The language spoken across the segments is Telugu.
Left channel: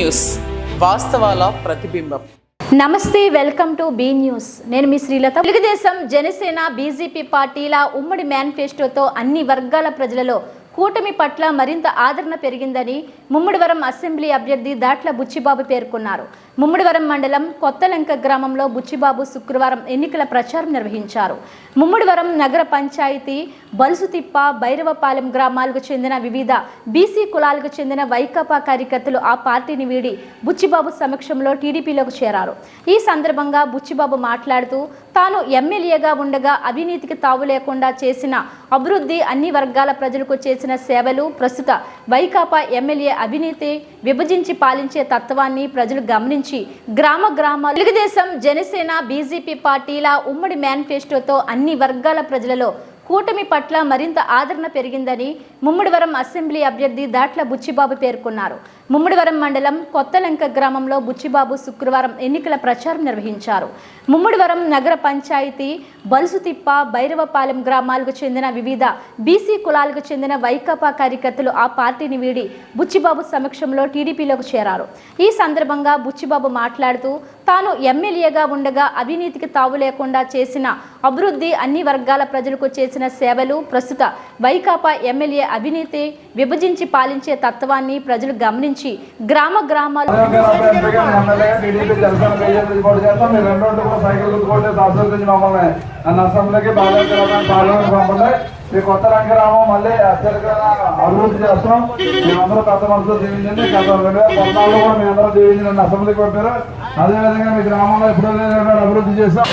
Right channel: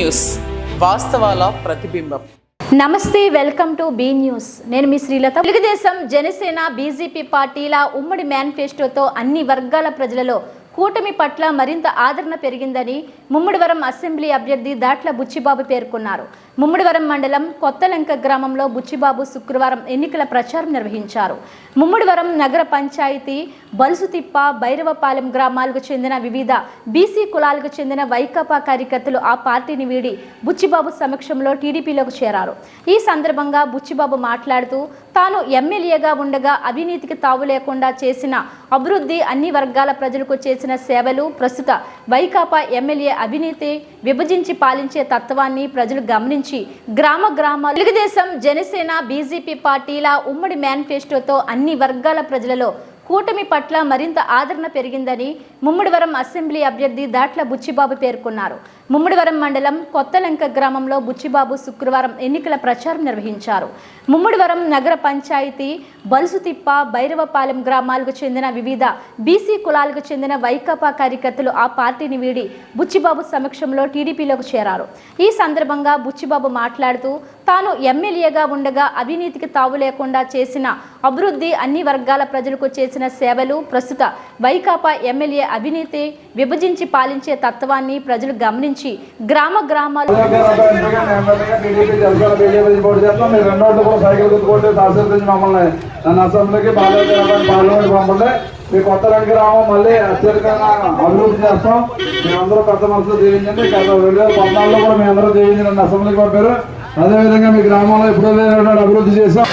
న్యూస్, వాస్తవాల ప్రతిబింబం. నమస్తే, వెల్కమ్ టు బీ న్యూస్. నేను మీ శ్రీలత. తెలుగుదేశం, జనసేన, బీజేపీ పార్టీల ఉమ్మడి మేనిఫెస్టోతో అన్ని వర్గాల ప్రజలలో కూటమి పట్ల మరింత ఆదరణ పెరిగిందని ముమ్మడివరం అసెంబ్లీ అభ్యర్థి దాట్ల బుచ్చిబాబు పేర్కొన్నారు. ముమ్మడివరం మండలం కొత్తలంక గ్రామంలో బుచ్చిబాబు శుక్రవారం ఎన్నికల ప్రచారం నిర్వహించారు. ముమ్మడివరం నగర పంచాయతీ బలుసుతిప్ప, భైరవపాలెం గ్రామాలకు చెందిన వివిధ బీసీ కులాలకు చెందిన వైకాపా కార్యకర్తలు ఆ పార్టీని వీడి బుచ్చిబాబు సమక్షంలో టీడీపీలోకి చేరారు. ఈ సందర్భంగా బుచ్చిబాబు మాట్లాడుతూ తాను ఎమ్మెల్యేగా ఉండగా అవినీతికి తావు లేకుండా చేసిన అభివృద్ధి, అన్ని వర్గాల ప్రజలకు చేసిన సేవలు, ప్రస్తుత వైకాపా ఎమ్మెల్యే అవినీతి, విభజించి పాలించే తత్వాన్ని ప్రజలు గమనించి గ్రామాలు తెలుగుదేశం, జనసేన, బీజేపీ పార్టీల ఉమ్మడి మేనిఫెస్టోతో అన్ని వర్గాల ప్రజలలో కూటమి పట్ల మరింత ఆదరణ పెరిగిందని ముమ్మడివరం అసెంబ్లీ అభ్యర్థి దాట్ల బుచ్చిబాబు పేర్కొన్నారు. ముమ్మడివరం మండలం కొత్తలంక గ్రామంలో బుచ్చిబాబు శుక్రవారం ఎన్నికల ప్రచారం నిర్వహించారు. ముమ్మడివరం నగర పంచాయతీ బలుసుతిప్ప, భైరవపాలెం గ్రామాలకు చెందిన వివిధ బీసీ కులాలకు చెందిన వైకాపా కార్యకర్తలు ఆ పార్టీని వీడి బుచ్చిబాబు సమక్షంలో టీడీపీలోకి చేరారు. ఈ సందర్భంగా బుచ్చిబాబు మాట్లాడుతూ తాను ఎమ్మెల్యేగా ఉండగా అవినీతికి తావు లేకుండా చేసిన అభివృద్ధి, అన్ని వర్గాల ప్రజలకు చేసిన సేవలు, ప్రస్తుత వైకాపా ఎమ్మెల్యే అవినీతి, విభజించి పాలించే తత్వాన్ని ప్రజలు గమనించి గ్రామాలు మీ కొత్త రంగరామం మళ్ళీ అత్యధికంగా అభివృద్ధి చేస్తాం. మీరందరూ పెద్ద మనసులో జీవించండి. కొన్నాళ్ళు కూడా మీ అందరూ జీవించండి. అసెంబ్లీకి పంపారు. అదేవిధంగా మీ గ్రామంలో ఎప్పుడు అభివృద్ధి చేస్తాం.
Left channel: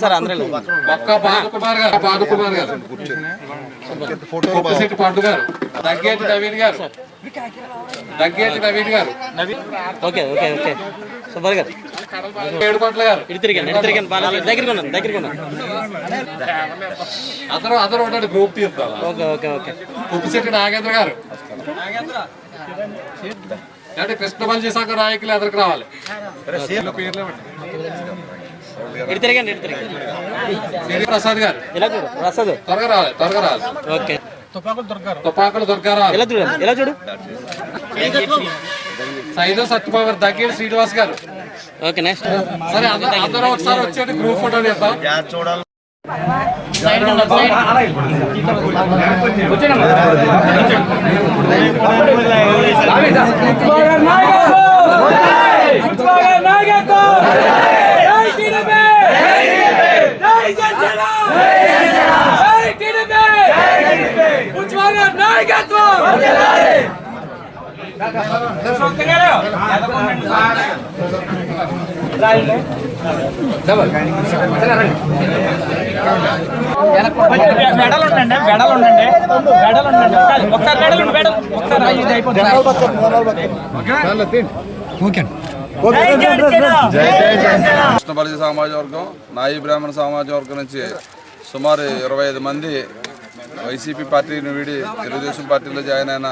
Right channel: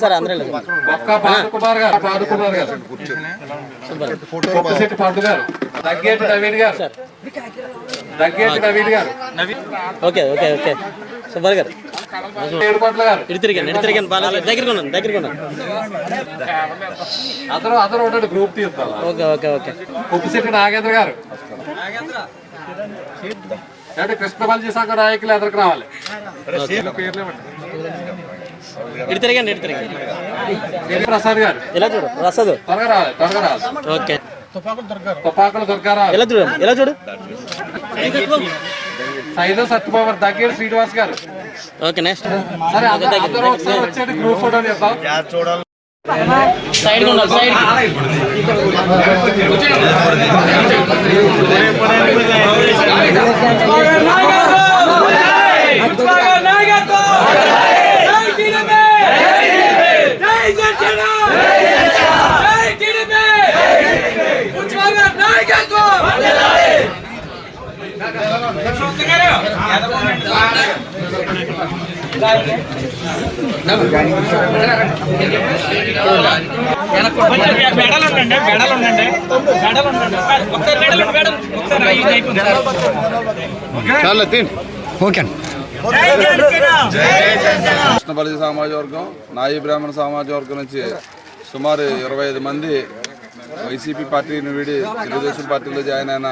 సార్ అందరూ దగ్గేటి నవీన్ గారు ఓకే ఓకే ఓకే సుబ్బర్ గారు ఏడుపట్ల గారు దగ్గర అతను గ్రూప్ తీస్తారు. ఓకే ఓకే ఓకే ఉప్పిశెట్టి నాగేంద్ర గారు అంటే కృష్ణమల్జీ సంఘ నాయకులు ఎదురుకు రావాలి. ప్రసాద్ గారు ఇలా చూడు, ప్రసాద్ త్వరగా రావాలి. ఓకే, తుపాకులు దొరకారావు ఇలా చూడు. సైదో సత్యబాబు దగ్గర శ్రీనివాస్ గారు. Okay, next. సరే, అందరూ ఒకసారి వచ్చి గ్రూప్ ఫోటో తీద్దాం. కృష్ణబలి సామాజిక వర్గం, నాయి బ్రాహ్మణ సామాజిక వర్గం నుంచి సుమారు 25 మంది వైసీపీ పార్టీని వీడి తెలుగుదేశం పార్టీలో జాయిన్ అయిన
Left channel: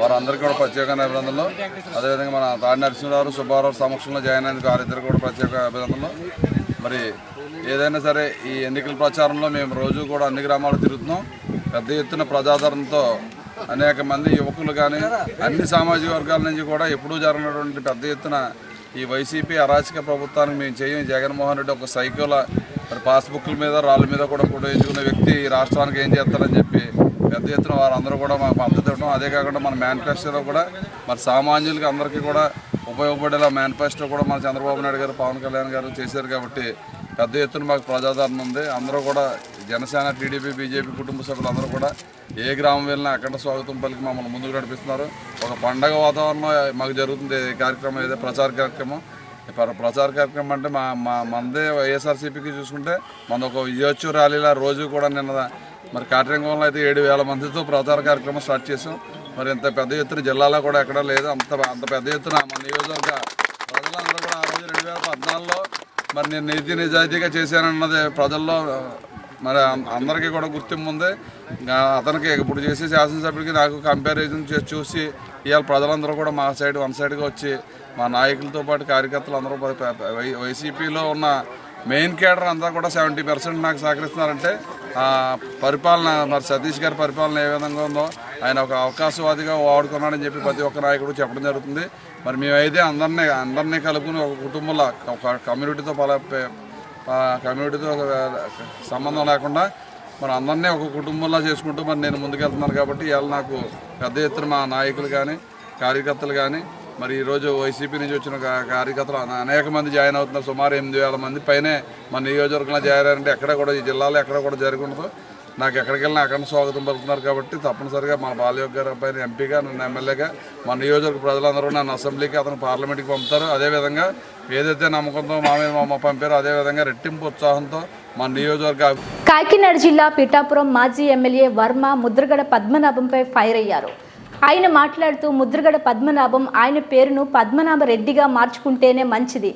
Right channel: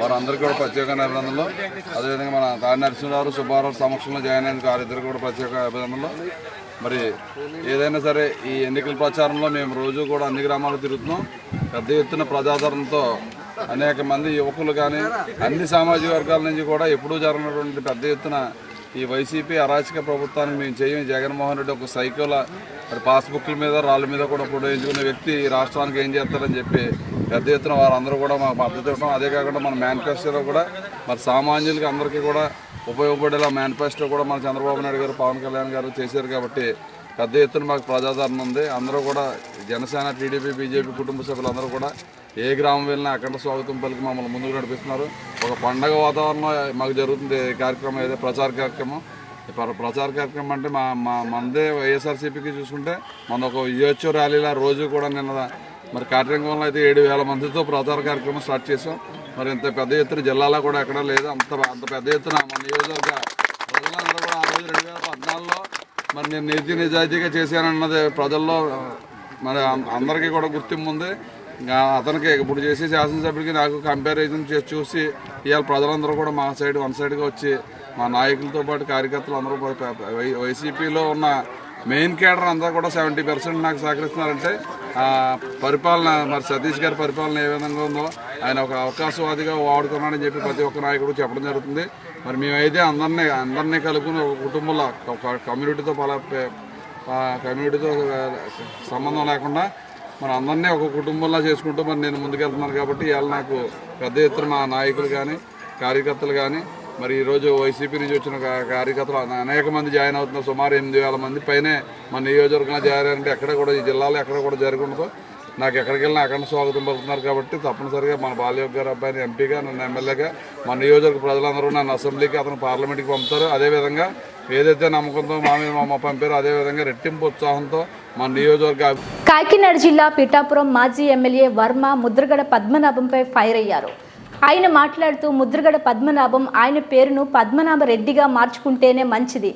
వారందరికీ కూడా ప్రత్యేక అభినందనలు. అదేవిధంగా మన తాడి నరసింహరావు, సుబ్బారావు సమక్షంలో జాయిన్ అయినందుకు వారిద్దరు కూడా ప్రత్యేక అభినందనలు. మరి ఏదైనా సరే ఈ ఎన్నికల ప్రచారంలో మేము రోజు కూడా అన్ని గ్రామాలకు తిరుగుతున్నాం. పెద్ద ఎత్తున ప్రజాదరణతో అనేక మంది యువకులు కానీ అన్ని సామాజిక వర్గాల నుంచి కూడా ఎప్పుడూ జరగనటువంటి పెద్ద ఎత్తున ఈ వైసీపీ అరాచక ప్రభుత్వానికి మేము చేయం. జగన్మోహన్ రెడ్డి ఒక సైకోల మరి పాస్బుక్ల మీద రాళ్ళ మీద కూడా ఎంచుకునే వ్యక్తి ఈ రాష్ట్రానికి ఏం చేస్తారని చెప్పి పెద్ద ఎత్తున వారందరూ కూడా మా మద్దతు ఇవ్వడం. అదే కాకుండా మన మేనిఫెస్టోలో కూడా మరి సామాన్యులకి అందరికీ కూడా ఉపయోగపడేలా మేనిఫెస్టో కూడా మన చంద్రబాబు నాయుడు గారు, పవన్ కళ్యాణ్ గారు చేశారు. కాబట్టి పెద్ద ఎత్తున మాకు ప్రజాదరణ ఉంది. అందరూ కూడా జనసేన, టీడీపీ, బీజేపీ కుటుంబ సభ్యులందరూ కూడా ఏ గ్రామం వెళ్ళినా అఖండ స్వాగతం పలికి మమ్మల్ని ముందుకు నడిపిస్తున్నారు. ఒక పండగ వాతావరణం మాకు జరుగుతుంది కార్యక్రమం, ఏదో ప్రచార కార్యక్రమం. ప్రచార కార్యక్రమం అంటే మనదే వైఎస్ఆర్సీపీకి చూసుకుంటే మన ఒక విజయోత్సవ ర్యాలీలా రోజు కూడా నిన్న మరి కార్యక్రమంలో అయితే 7,000 మందితో ప్రచార కార్యక్రమం స్టార్ట్ చేసాం. మరి ఇంత పెద్ద ఎత్తున జిల్లాలో కూడా ఎక్కడా లేదు. అంత పెద్ద ఎత్తున మన నియోజకవర్గ ప్రజలందరూ కూడా ఆ రోజు 2014లో మరి నేను నీతి నిజాయితీగా చేశానన్నది ప్రజల్లో మరి అందరికీ కూడా గుర్తింపు ఉంది. అతనికి ఇప్పుడు చేసే శాసనసభ్యులకి నాకు కంపారిజన్ చేసి చూసి ఇవాళ ప్రజలందరూ కూడా మా సైడ్ వన్ సైడ్గా వచ్చి మా నాయకులతో పాటు కార్యకర్తలు అందరూ వైసీపీలో ఉన్న మెయిన్ కేడర్ అంతా కూడా 70% నాకు సహకరిస్తున్నారంటే పరిపాలన మరి సతీష్ గారి పరిపాలన ఏ విధంగా ఉందో ఆయన ఒక అవకాశవాదిగా వాడుకున్నాడని చెప్పి ప్రతి ఒక్క నాయకుడు చెప్పడం జరుగుతుంది. మరి మేమైతే అందరినీ కలుపుకుని ఒక కుటుంబంలో ఒక కమ్యూనిటీతో సంబంధం లేకుండా మరి అందరినీ ఒక కుటుంబంలో చేసుకుంటూ మరి నేను ముందుకెళ్తున్నాను. కాబట్టి ఇవాళ నాకు పెద్ద ఎత్తున మా నాయకులు కానీ కార్యకర్తలు కానీ మరి ఈరోజు వైసీపీ నుంచి వచ్చిన కార్యకర్తలు అనేక మంది జాయిన్ అవుతున్నారు. సుమారు 8,000 మంది పైనే మన నియోజకవర్గంలో జాయిన్ అయ్యారంటే ఎక్కడ కూడా ఈ జిల్లాలో ఎక్కడ కూడా జరిగి ఉండదు. నాకు ఎక్కడికి వెళ్ళినా అక్కడ స్వాగతం పలుకుతున్నారు. కాబట్టి తప్పనిసరిగా మన బాలయోగి గారు అబ్బాయిని ఎంపీగా, నన్ను ఎమ్మెల్యేగా, మన నియోజకవర్గ ప్రజలందరూ నన్ను అసెంబ్లీకి, అతను పార్లమెంట్కి పంపుతారు. అదేవిధంగా ఏదైతే నమ్మకంతో మా మీద పంపారో అదేవిధంగా రెట్టింపు ఉత్సాహంతో మన నియోజకవర్గ. కాకినాడ జిల్లా పిఠాపురం మాజీ ఎమ్మెల్యే వర్మ ముద్రగడ పద్మనాభంపై ఫైర్ అయ్యారు. ఆయన మాట్లాడుతూ ముద్రగడ పద్మనాభం ఆయన పేరును పద్మనాభరెడ్డిగా మార్చుకుంటేనే మంచిది.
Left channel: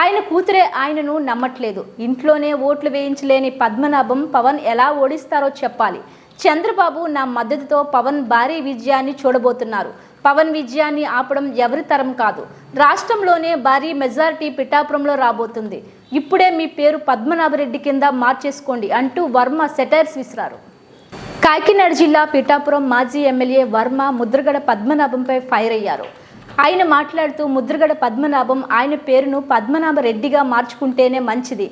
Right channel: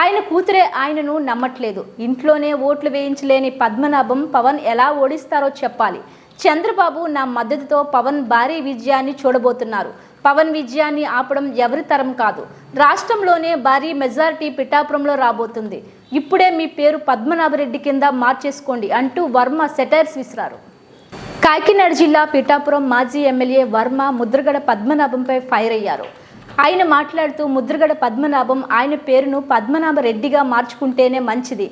ఆయన కూతురే ఆయనను నమ్మట్లేదు. ఇంట్లోనే ఓట్లు వేయించలేని పద్మనాభం పవన్ ఎలా ఓడిస్తారో చెప్పాలి. చంద్రబాబు నా మద్దతుతో పవన్ భారీ విజయాన్ని చూడబోతున్నారు. పవన్ విజయాన్ని ఆపడం ఎవరి తరం కాదు. రాష్ట్రంలోనే భారీ మెజారిటీ పిఠాపురంలో రాబోతుంది. ఇప్పుడే మీ పేరు పద్మనాభరెడ్డి కింద మార్చేసుకోండి అంటూ వర్మ సెటైర్స్ విసిరారు. కాకినాడ జిల్లా పిఠాపురం మాజీ ఎమ్మెల్యే వర్మ ముద్రగడ పద్మనాభంపై ఫైర్ అయ్యారు. ఆయన మాట్లాడుతూ ముద్రగడ పద్మనాభం ఆయన పేరును పద్మనాభరెడ్డిగా మార్చుకుంటేనే మంచిది.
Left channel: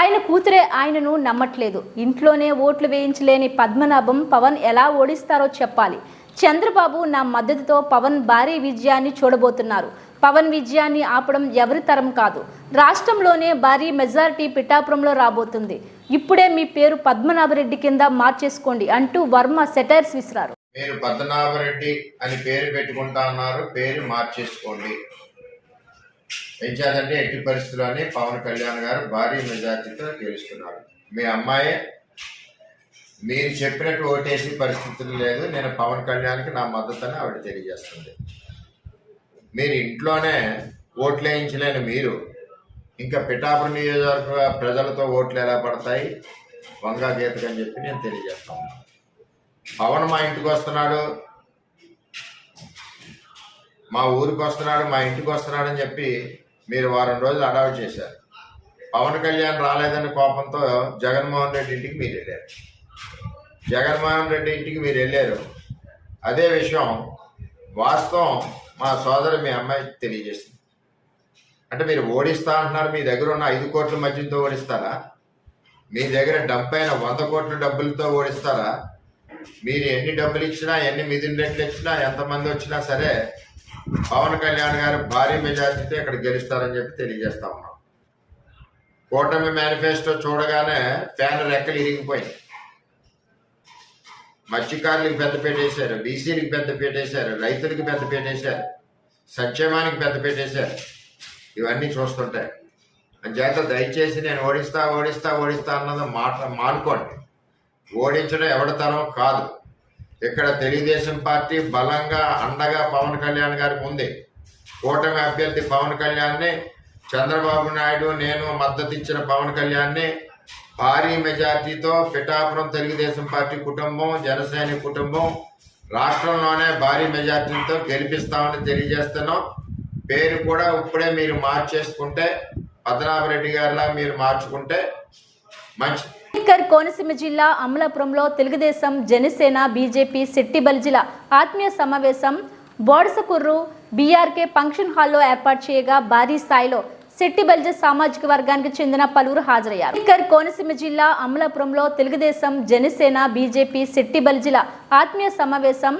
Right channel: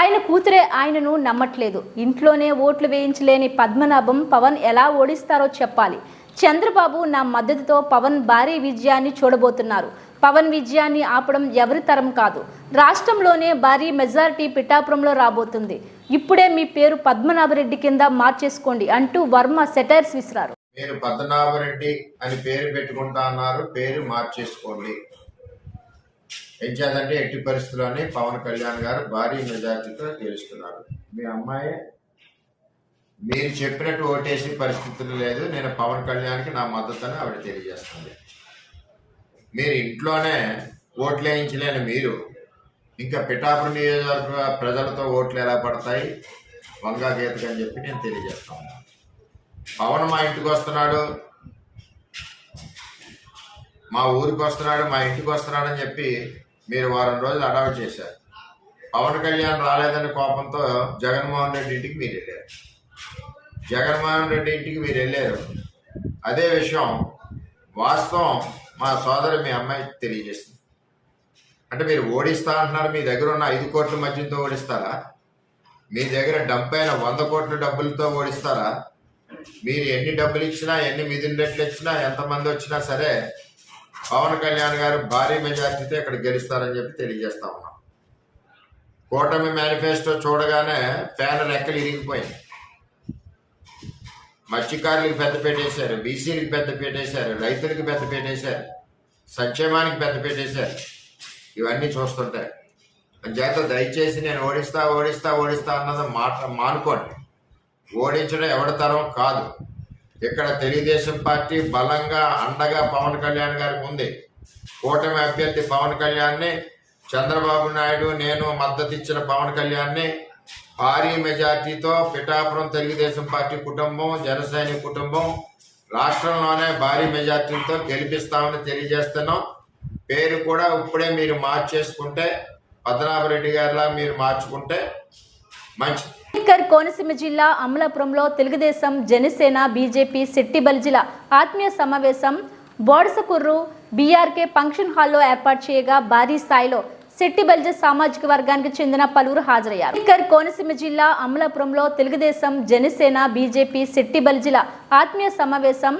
ఆయన కూతురే ఆయనను నమ్మట్లేదు. ఇంట్లోనే ఓట్లు వేయించలేని పద్మనాభం పవన్ ఎలా ఓడిస్తారో చెప్పాలి. చంద్రబాబు నా మద్దతుతో పవన్ భారీ విజయాన్ని చూడబోతున్నారు. పవన్ విజయాన్ని ఆపడం ఎవరి తరం కాదు. రాష్ట్రంలోనే భారీ మెజారిటీ పిఠాపురంలో రాబోతుంది. ఇప్పుడే మీ పేరు పద్మనాభరెడ్డి కింద మార్చేసుకోండి అంటూ వర్మ సెటైర్స్ విసిరారు. మీరు పద్మనాభరెడ్డి అని పేరు పెట్టుకుంటా అన్నారు, పేరు మార్చేసుకోండి. ఏం చేయాలంటే ఎట్టి పరిస్థితుల్లోనే పవన్ కళ్యాణ్ గారు భారీ మెజార్టీతో గెలుస్తున్నారు. మీ అమ్మాయి మీరు చెప్పినట్టు ఓటేసి పరిస్థితులు లేదు. నేను పవన్ కళ్యాణ్కి నా మద్దతుని ఆవిడ తెలియజేస్తుంది. మీరు ఇంట్లోనే ఓట్లు వేయించలేని మీరు ఇంకా పిఠాపురం నియోజకవర్గ ప్రజలతో ఓట్లు ఎలా పడతాయి వంగా గీతగా అని చెప్పి నేను తెలియజేస్తాను. పవన్ మా ఇంటికి వస్తున్నాడు, మా ఊరికి వస్తున్నాడు, మా ఇంటికి వస్తున్నాడు అని చెప్పి మీరు వారం రోజులు అడాప్ట్ చేశారు. పవన్ కళ్యాణ్ రాలేదని కోపంతో జగన్మోహన్ రెడ్డి ఇంటికి మీరు వెళ్ళారు. జగన్మోహన్ రెడ్డి ఇంటికి మీరు వెళ్ళారు. అదే విషయం వాస్తవం మా సోదరు మీ అమ్మాయి తెలియజేస్తుంది. అంటే మీరు ఓడిస్తా అంటున్నారు, మీ దగ్గర ఉన్న 5 కోట్ల మద్యంతో ఓడిస్తారా? మీ దగ్గర డంప్ అయిన 100 కోట్ల డబ్బులతో ఓడిస్తారా? మీరు ఎన్ని డబ్బులు ఇచ్చినా, ఎన్ని మిదిన్ రెట్లు ఇచ్చినా, ఎంతమంది వచ్చినా సరే పవన్ కళ్యాణ్ గారు భారీ మెజార్టీతో ఇక్కడ గెలుస్తారని చెప్పి తెలియజేస్తా ఉన్నాం. కూటమి మేనిఫెస్టో చూడగానే ఫ్యాన్ రెక్కలు ఇరిగిపోయింది. మత్స్యకారులకు పెద్దపీట వేశారు, బీసీలకు పెద్దపీట వేశారు, రైతులకు పెద్దపీట వేశారు, సంక్షేమానికి పెద్దపీట వేశారు. ఇవన్నీ చూస్తుంటాయి. అంచేత దయచేసి నేను ఓడిస్తా అన్నది మానుకోండి. ఓడించడం ఎవరి తరం కాదు. ఇక్కడ తెలుగుదేశం పార్టీ బలంగా అండగా పవన్ కళ్యాణ్ గారికి ఉంది. కూటమి అభ్యర్థి పవన్ కళ్యాణ్ని, చంద్రబాబు నాయుడు నేను మద్దతు ఇచ్చిన పవన్ కళ్యాణ్ని భారీ మెజార్టీతో పిఠాపురం తెలుగుదేశం పార్టీ కుటుంబం, జనసేన కుటుంబం రాష్ట్రంలోనే భారీ మెజార్టీతో గెలిపిస్తామని తెలియజేస్తున్నాం. పేరు కూడా ఇప్పుడే మీరు మార్చేసుకుంటే, పద్మనాభరెడ్డి గారిలా మీరు మార్చుకుంటే మంచిది. కోనసీమ జిల్లా అమలాపురంలో తెలుగుదేశం, జనసేన, బీజేపీ శెట్టి బలిజిల ఆత్మీయ సమావేశం బోడసకుర్రు బీఆర్కే ఫంక్షన్ హాల్లో ఏర్పాటు చేయగా భారీ స్థాయిలో శెట్టి బలిజ సామాజిక వర్గానికి చెందిన పలువురు హాజరయ్యారు. కోనసీమ జిల్లా అమలాపురంలో తెలుగుదేశం, జనసేన, బీజేపీ శెట్టి బలిజిల ఆత్మీయ సమావేశం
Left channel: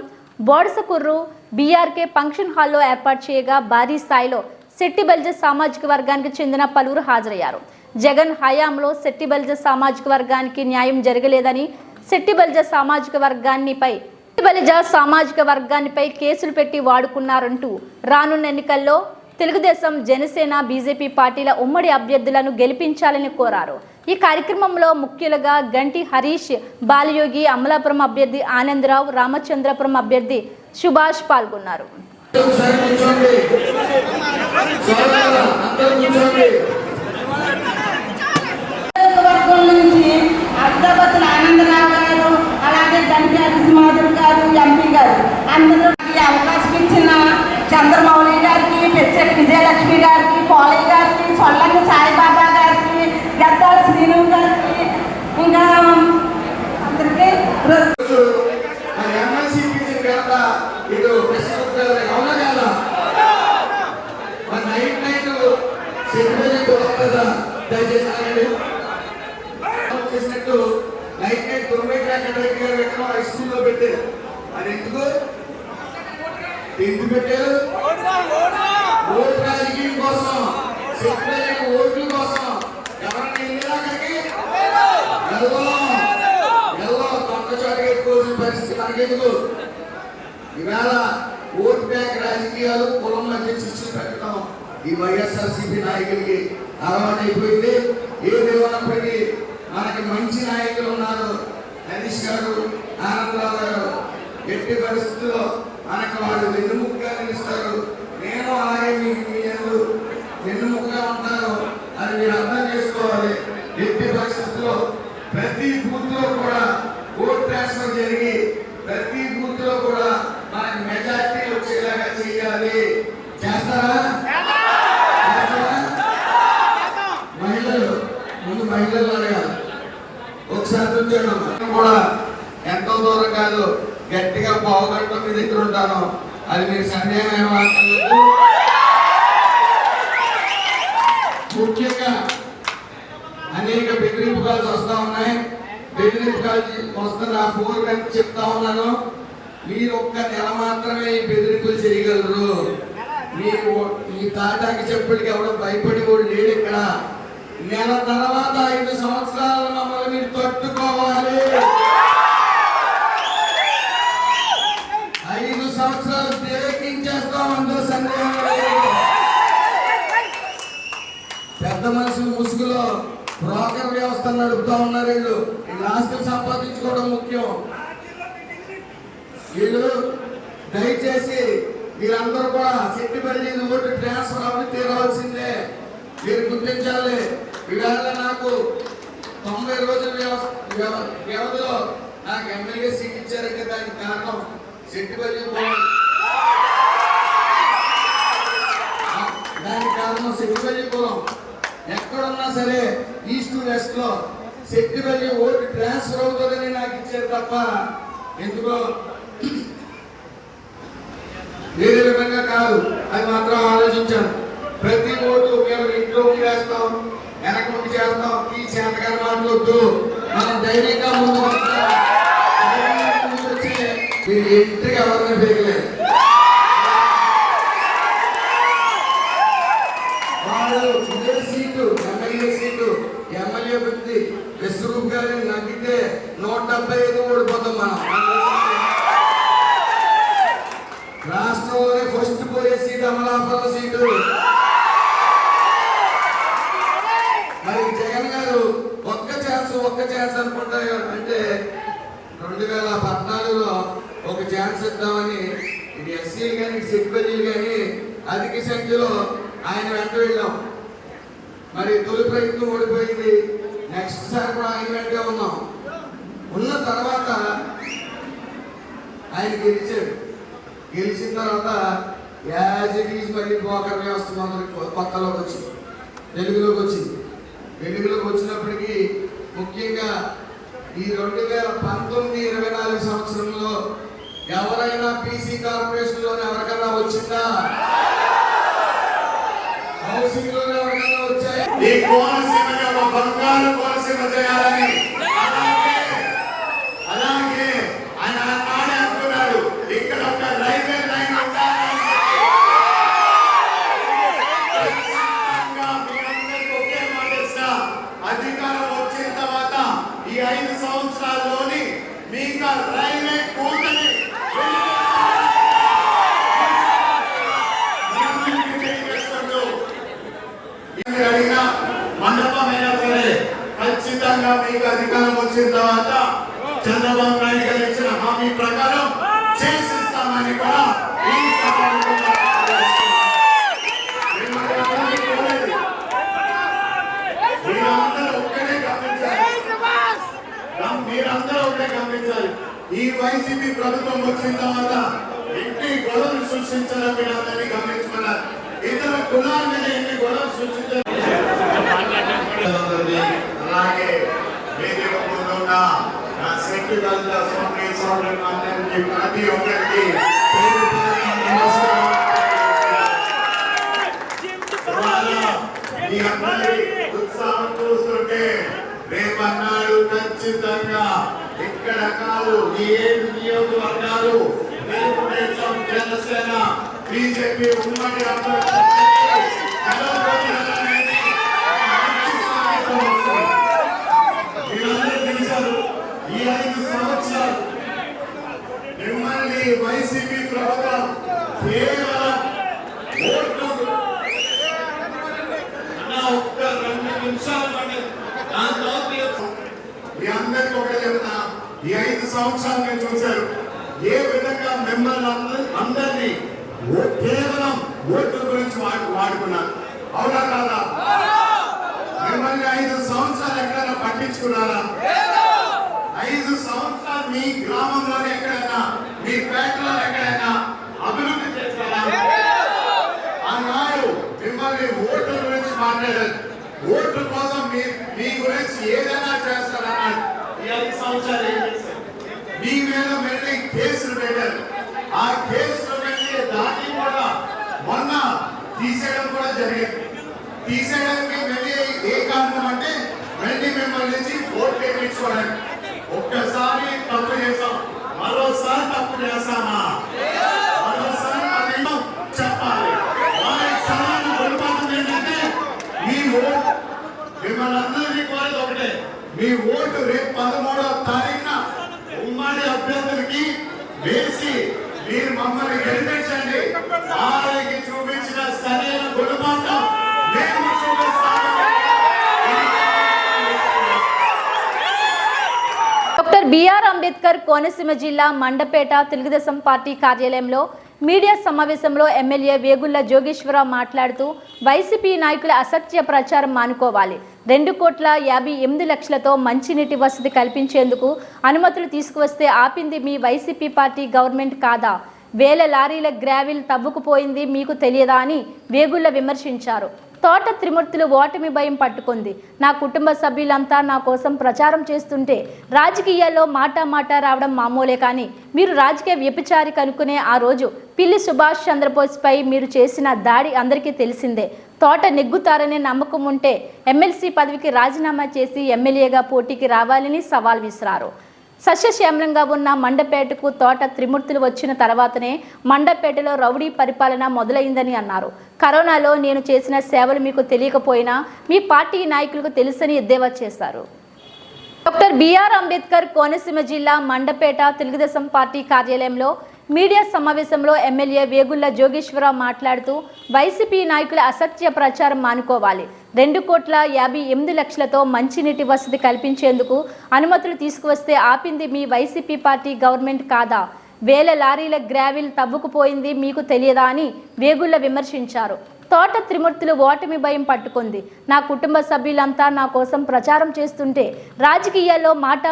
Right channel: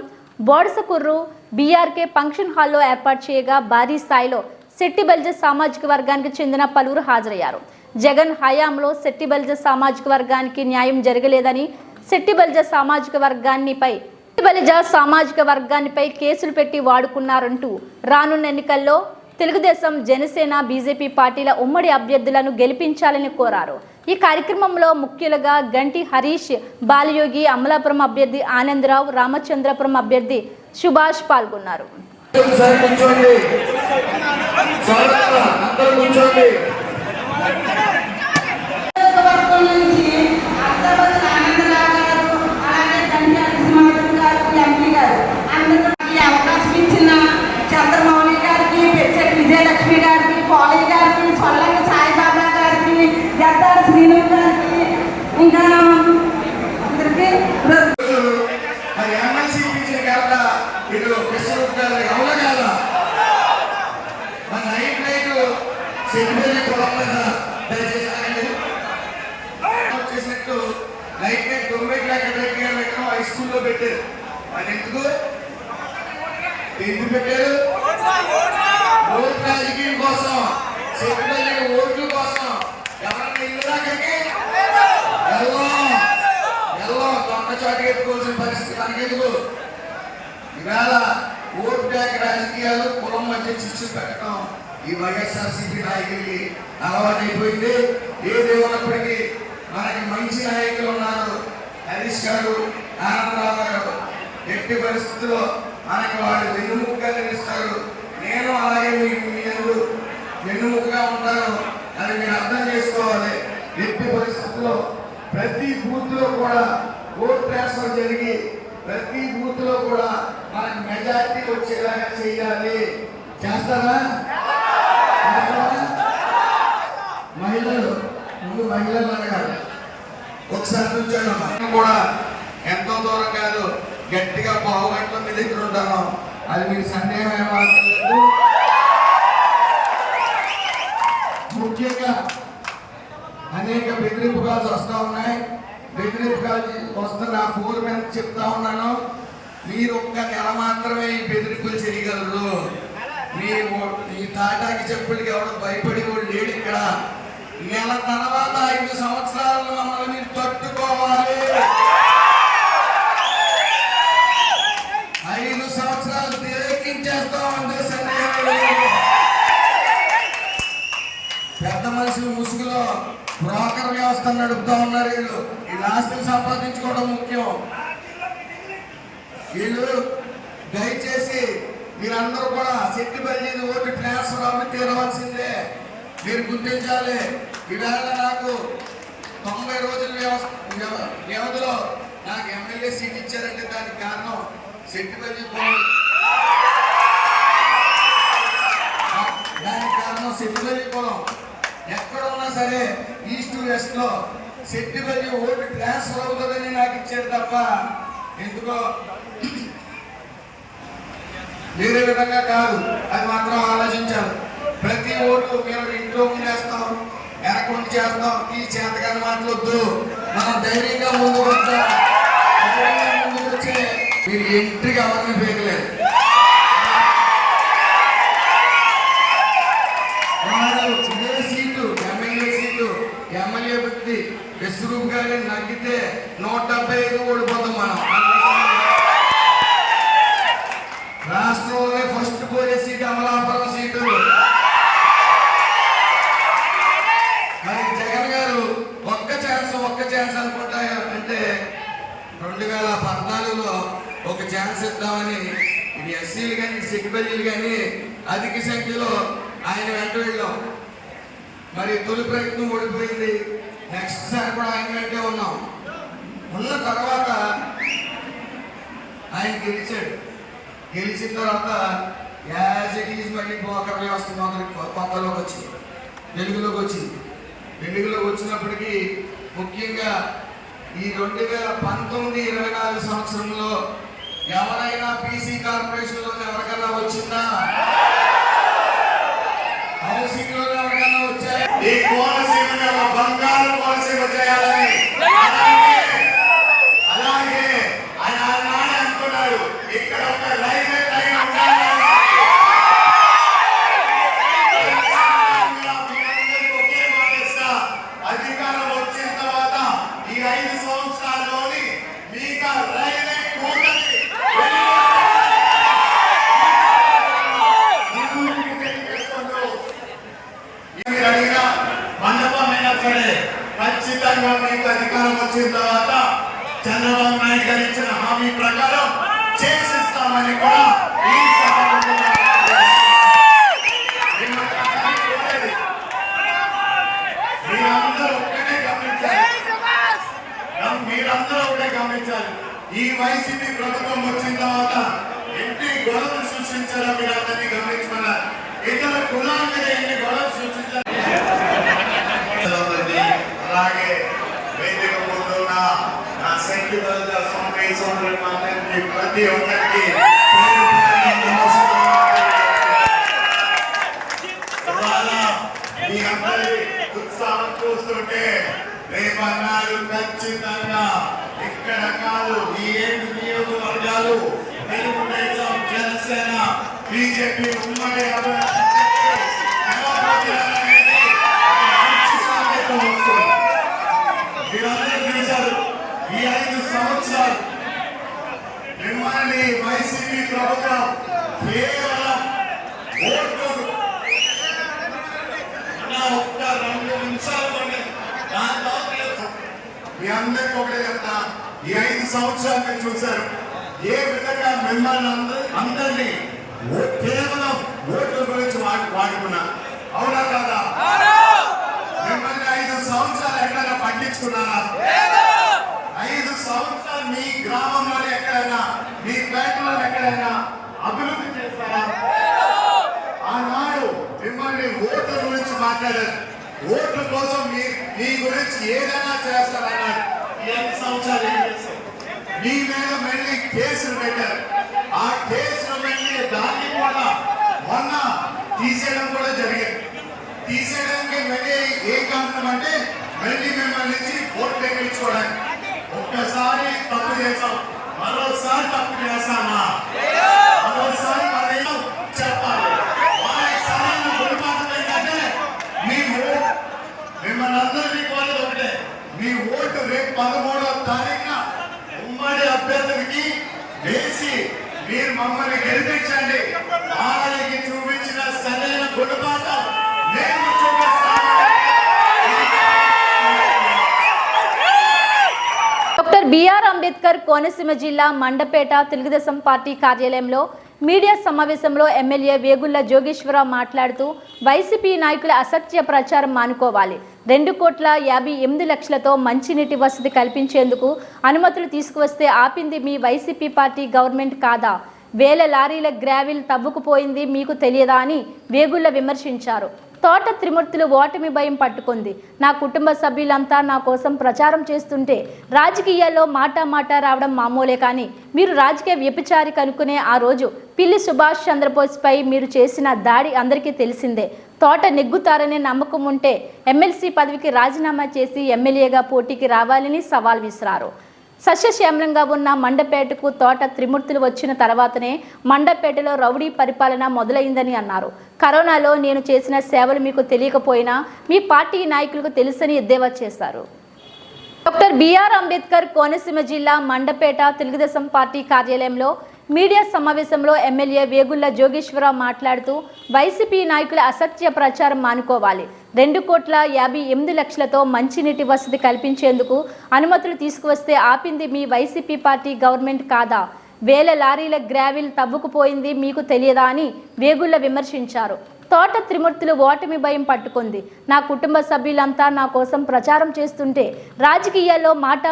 బోడసకుర్రు బీఆర్కే ఫంక్షన్ హాల్లో ఏర్పాటు చేయగా భారీ స్థాయిలో శెట్టి బలిజ సామాజిక వర్గానికి చెందిన పలువురు హాజరయ్యారు. జగన్ హయాంలో శెట్టి బలిజ సామాజిక వర్గానికి న్యాయం జరగలేదని, శెట్టి బలిజ సామాజిక వర్గాన్నిపై కేసులు పెట్టి వాడుకున్నారంటూ రానున్న ఎన్నికల్లో తెలుగుదేశం, జనసేన, బీజేపీ పార్టీల ఉమ్మడి అభ్యర్థులను గెలిపించాలని కోరారు. ఈ కార్యక్రమంలో ముఖ్యులుగా గంటి హరీష్, బాలయోగి, అమలాపురం అభ్యర్థి ఆనందరావు, రామచంద్రపురం అభ్యర్థి సుభాష్ పాల్గొన్నారు. ఓట్ బ్యాంక్ రాజకీయాలు కులం మధ్య చిచ్చు పెట్టడం ఈ వైఎస్ఆర్సీపీ నాయకుడికి అలవాటైపోయింది. ఏదేమన్నప్పటికీ మనకి మంచి నాయకులు ఉన్నారు. హరీష్ గారు, ఆనందరావు గారు ఎట్టి పరిస్థితుల్లో మనకి వాళ్ళు వెన్నుముకగా నిలుస్తారు. నేను అలాగే మీ అందరూ వెన్నుముకగా ఉంటారు అని మీరు అర్థం చేసుకోవాలి. ఎట్టి పరిస్థితుల్లో ప్రతి బూత్ లో కూడా ఓట్ ట్రాన్స్ఫర్ జరిగి ప్రతి బూత్ లో కూడా మనకి మెజార్టీ వచ్చేలాగా చేయాలి. చేస్తారా? మహిళలు ఒకసారి నుంచోడం కూడా ఎంతో దూరం కాదు, గట్టిగా పావుగంట మీ దగ్గర ఉంటాను. అది మీకు సందేహం. ముఖ్యంగా అనేక బెదిరింపు కాల్స్ వస్తా ఉన్నాయి. బెదిరింపు కాల్స్ వస్తున్న ఫోన్ చెప్తా ఉన్నాను. మీరు ఒక్క నెల మాత్రమే ఈ బెదిరింపులు చేయగలరు. మీరు ఈ తాటాకి చెప్పటికి ఎవడో భయపడి కూడా లేడు. ఇక్కడ నెల తర్వాత 5 సంవత్సరాలు మమ్మల్ని మీరు తట్టుకోవాలి. 5 సంవత్సరాలు తేలికించేస్తామంటే సందేహం లేదు. పెద్ద మనుషులు ముసుగులో బ్రోకర్ వ్యవస్థ నడుపుతా ఉన్నారు. వీళ్ళు ఆస్తులు సంపాదించుకోవడం ముఖ్యం. వీళ్ళు దయచేసి మీరందరూ కూడా శెట్టి బలిజ ఓటు ట్రాన్స్ఫర్ అవి తీరవలసిందే. మీరు గుర్తించాలి. ఇవాళ నాకు 90 రోజుల వ్యవధిలో నాకు ఎమ్మెల్యే సీట్ ఇచ్చారంటే దానికి కారణం శెట్టి బలిజ శెట్టిపల్లి కులం ఎక్కడున్నా సరే ఈస్ట్ వెస్ట్ లో శెట్టిపల్లి ఓటు ట్రాన్స్ఫర్ అవుతుందని నాకు ఇచ్చారు తప్ప ఎందుకో వేరే విధంగా కాదు. అది మాత్రం ఆలోచించారు. ప్రతి ఓటు మేము ఇంట్లో చేస్తాం, వెనక నుండి చేస్తాం, ఈ చేతగా మాట్లాడద్దు, మనం ధైర్యంగా ముందుకు వస్తాం. మీరు ఎంట్రీ కావాలని పేర్లేదు. సీటు ఎమ్మెల్యే సీటు ఎమ్మెల్యే వ్యక్తి విశ్వరూప్ గారిని నగ్గితే 175 ఓడిపోతాం మనం. రాష్ట్రంలోనే ఫస్ట్ పోయే సీటు అమలాపురం సీటు. మరి జగన్ గారు ఒక్క ఛాన్స్ అనుకుంటా అంటే 2014లో ఒక ఛాన్స్ ఇద్దామని ఇది ఎస్సీలు కానీ సెక్యూరిటీలు కానీ అధిక సంఖ్యలో ఆయన వెంట వెళ్ళాం. మరి తొలి ప్రయత్నం ఓడిపోయింది. నెక్స్ట్ సారి కూడా ఆయన వెంటే ఉన్నాం. ఉన్న తర్వాత ఆయన గెలిచిన తర్వాత యాజ్ ఇట్ ఈజ్ మళ్ళీ బ్రోకర్ వ్యవస్థ కొత్తలోకి వచ్చింది, వెలుగులోకి వచ్చినప్పటికీ ముఖ్యంగా ఈ 2019-24 సంవత్సరంలో ఎవరైనా బీసీ కార్పొరేషన్ లో ఎవరికైనా వచ్చిందా? హౌసింగ్ లో ఎవరికైనా వచ్చాయి? ఈ కోనసీమని ఒక బంగారు కోనసీమ చేయాలని అలాగే ఆయన నాడే అంటున్నారు. ఇక్కడ ఒక రైల్వే లైన్ ఒకే మాట, అధికారం వచ్చిన తర్వాత ఈ 5 సంవత్సరాల్లోని మీకు రైల్వే కోటని అడిగిన మండపమైనా సరే ఖచ్చితంగా మీకు అధికారం వచ్చిన తర్వాత చంద్రబాబు నాయుడు గారు ఇచ్చిన హామీ ప్రకారం చేసిస్తామని కూడా ఈ మీరందరూ ఒకటే గమనించారు. ఈ వైసీపీ ప్రభుత్వం వచ్చిన తర్వాత ఎన్ని గొడవలు సృష్టించారో మీరందరినీ గమనించమన్నారు. ఇతర కులాల మీద ఎన్ని గొడవలు సృష్టించారు. అలాగే నా శక్తి వల్ల ప్రతి ఒక్కరికి మీ అందరి ఉత్సాహం చూస్తుంటే రేపన్నాడు ఖచ్చితంగా ఇక్కడ కాదు ఈ 7 నియోజకవర్గాలు తెలుగుదేశం, జనసేన, బీజేపీ ఉమ్మడి ఈ 5 సంవత్సరాలు మిమ్మల్ని వైసీపీ ప్రభుత్వం కేవలం ఓట్లు ఒక్క 2 నిమిషాలు మీ అందరికీ ఒకటే చెప్తా. ఈ 5 సంవత్సరాలుగా చూశారు ఏ విధంగా మిమ్మల్ని అందరినీ కేవలం ఓట్ల గురించి వాడుకున్నారు. అవునా కదా? మిమ్మల్ని 5 సంవత్సరాలు ఎక్కడైనా పట్టించుకున్నారా? 5 సంవత్సరాలు మీ గ్రామంలోనే ఎక్కడైనా, మీ పేటలో ఎక్కడైనా అభివృద్ధి చేస్తారా? ఆనాడు మిమ్మల్ని ఓట్ల గురించి మాట్లాడారు. ఓట్ల కోసం మీ గురించి ఏదైనా చేస్తారన్నారు. ఈ 5 సంవత్సరాలు ఏం చేశారు? మీ మీద మళ్ళీ కేసులు పెట్టారు. ఆ కేసులు వెళ్ళి దాన్ని కూడా మొన్న తీసేయడం కూడా జరిగింది. తీసేయడానికి మళ్ళీ ఏ కారణం అంటే మళ్ళీ మిమ్మల్ని నుంచి ఓట్లు వేయించుకోవడానికి. ఒక్కసారి తప్పు చేసాం, మరోసారి తప్పు చేస్తామా? మరోసారి చెప్పాలి. వారి స్థానాన్ని గురిపాతం ఏంటంటే మీ ఓటు, మిమ్మల్ని అందరినీ కోరేది ఒకటే, మీ ఓటు రేపు 13వ తారీఖున ఉమ్మడి అభ్యర్థులకి వేసి మీరు మమ్మల్ని గెలిపించండి. వారికి చూపించిన సరైన గుణపాఠం మేము చూపిస్తాము. డాక్టర్ బిఆర్ అంబేద్కర్ కోనసీమ జిల్లా మండపేట తెలుగుదేశం పార్టీ కార్యాలయంలో మీడియా సమావేశంలో ఎమ్మెల్యే వేగుళ్ల జోగేశ్వరరావు మాట్లాడుతూ వైసీపీ నాయకుల అసత్య ప్రచారం మానుకోవాలి. 2,58,00,000తో మంచినీటి వసతి కల్పించేందుకు అనుమతులు తీసుకువస్తే ఆపింది మీ వైసీపీ పార్టీ గవర్నమెంట్ కాదా? వేల లారీల గ్రావిల్ తవ్వుకుపోయింది మీకు తెలియదా అని వేగుళ్ల విమర్శించారు. తోట త్రిమూర్తులు ఓటమి భయం పట్టుకుంది. నా కుటుంబ సభ్యులంతా నా కోసం ప్రచారం చేస్తుంటే రాజకీయాల్లో మాట రావడం మామూలే, కానీ మీరు రాజకీయ వ్యభిచారి కనుక్కునే ఆ రోజు పిల్లి సుభాష్ చంద్రబోస్పై మీరు చేసిన దాడి అందరికీ తెలిసిందే. తోట నెగ్గుతారనే నమ్మకం ఉంటే ఎమ్మెల్సీ పదవికి రాజీనామా చేసి ఎమ్మెల్యేగా పోటీకి రావాలని సవాల్ విసిరారు. సస్యశ్యామలంగా ఉన్న మండపేటకు తోట త్రిమూర్తులు వచ్చిన తర్వాతనే మండపేటలో రౌడీ పరిపాలన మొదలైందని అన్నారు. కరోనాలో నేను చేసిన సేవలు మీకు తెలియకపోయినా మీ పార్టీ నాయకులకు తెలుసని ఎద్దేవా చేశారు. డాక్టర్ బిఆర్ అంబేద్కర్ కోనసీమ జిల్లా మండపేట తెలుగుదేశం పార్టీ కార్యాలయంలో మీడియా సమావేశంలో ఎమ్మెల్యే వేగుళ్ల జోగేశ్వరరావు మాట్లాడుతూ వైసీపీ నాయకుల అసత్య ప్రచారం మానుకోవాలి. 2,58,00,000తో మంచినీటి వసతి కల్పించేందుకు అనుమతులు తీసుకువస్తే ఆపింది మీ వైసీపీ పార్టీ గవర్నమెంట్ కాదా? వేల లారీల గ్రావిల్ తవ్వుకుపోయింది మీకు తెలియదా అని వేగుళ్ల విమర్శించారు. తోట త్రిమూర్తులు ఓటమి భయం పట్టుకుంది. నా కుటుంబ సభ్యులంతా నా కోసం ప్రచారం చేస్తుంటే రాజకీయాల్లో మాట